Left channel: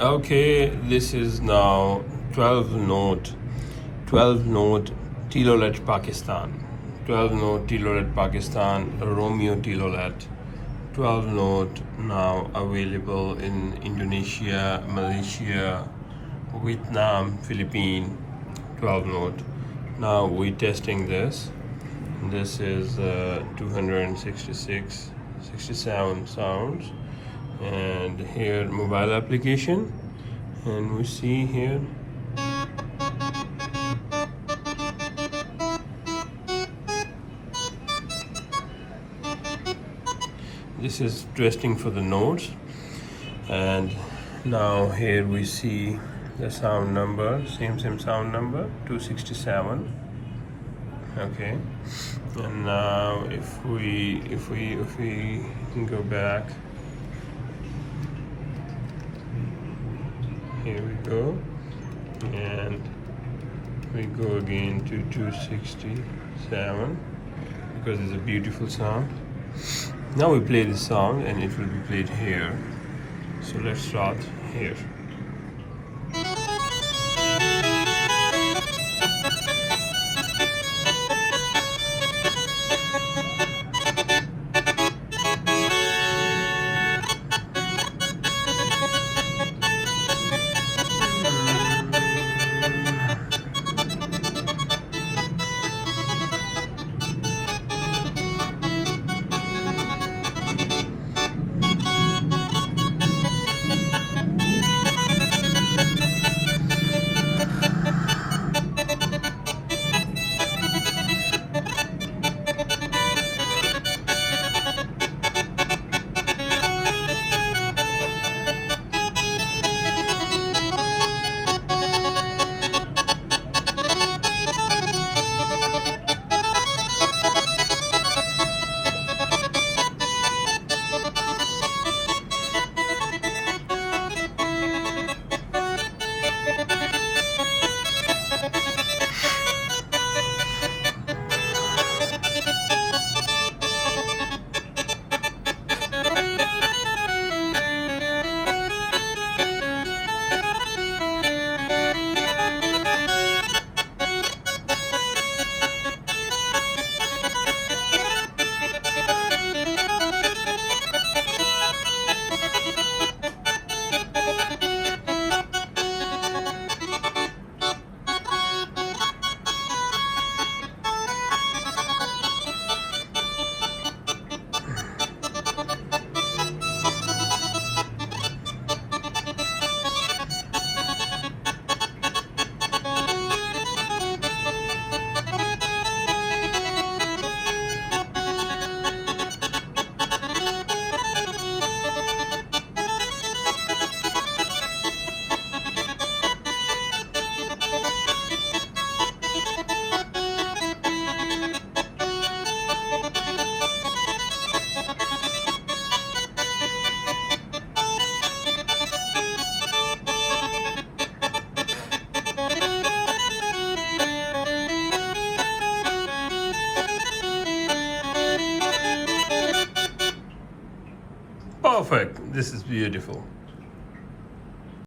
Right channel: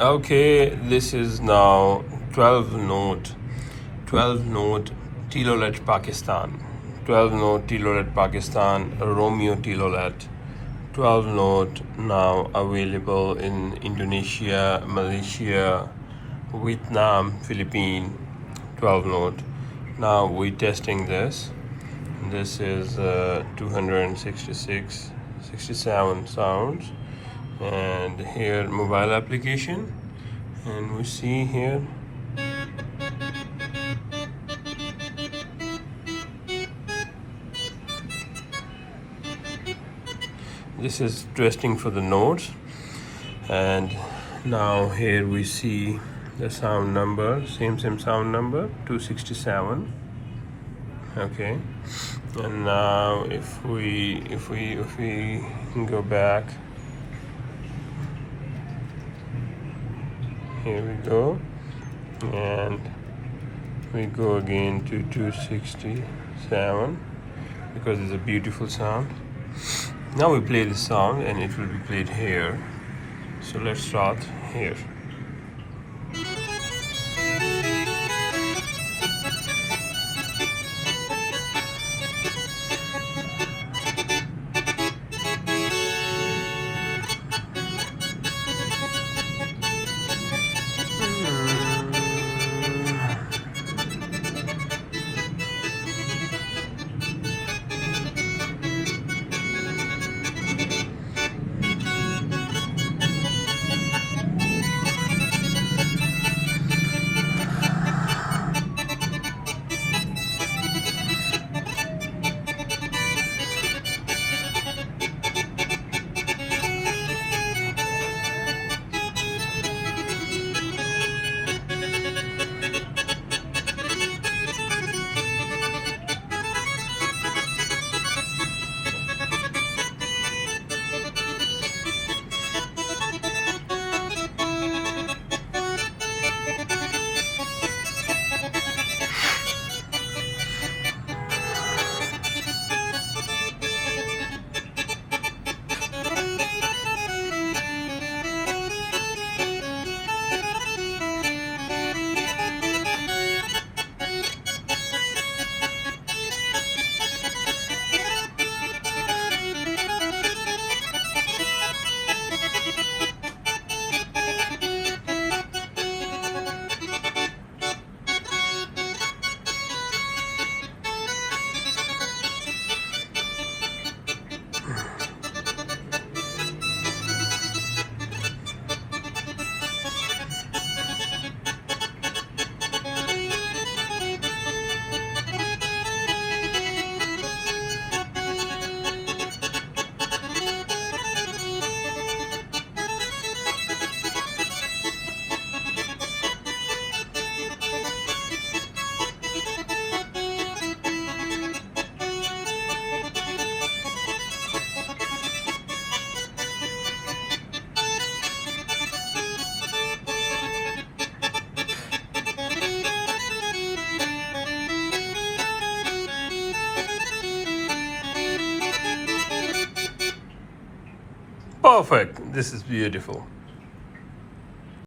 Okay, this is now 12 note TLOLET Pakistan. 12 note TLOLET Pakistan, Romeo TLOLET. 12 note now available in Indonesia, Malaysia, Vietnam, Philippines. 12 note. Now we're testing this. This is 67 sounds, and here mobile application, and we see here this is testing for the notes. And now here we see the sound number, same sound number, 267. Okay, and now if we go back, here we go, and we go again to 267 because it's a beautiful sound. Now we play this song and it will be played here. So let's start here. Perfect. This is beautiful.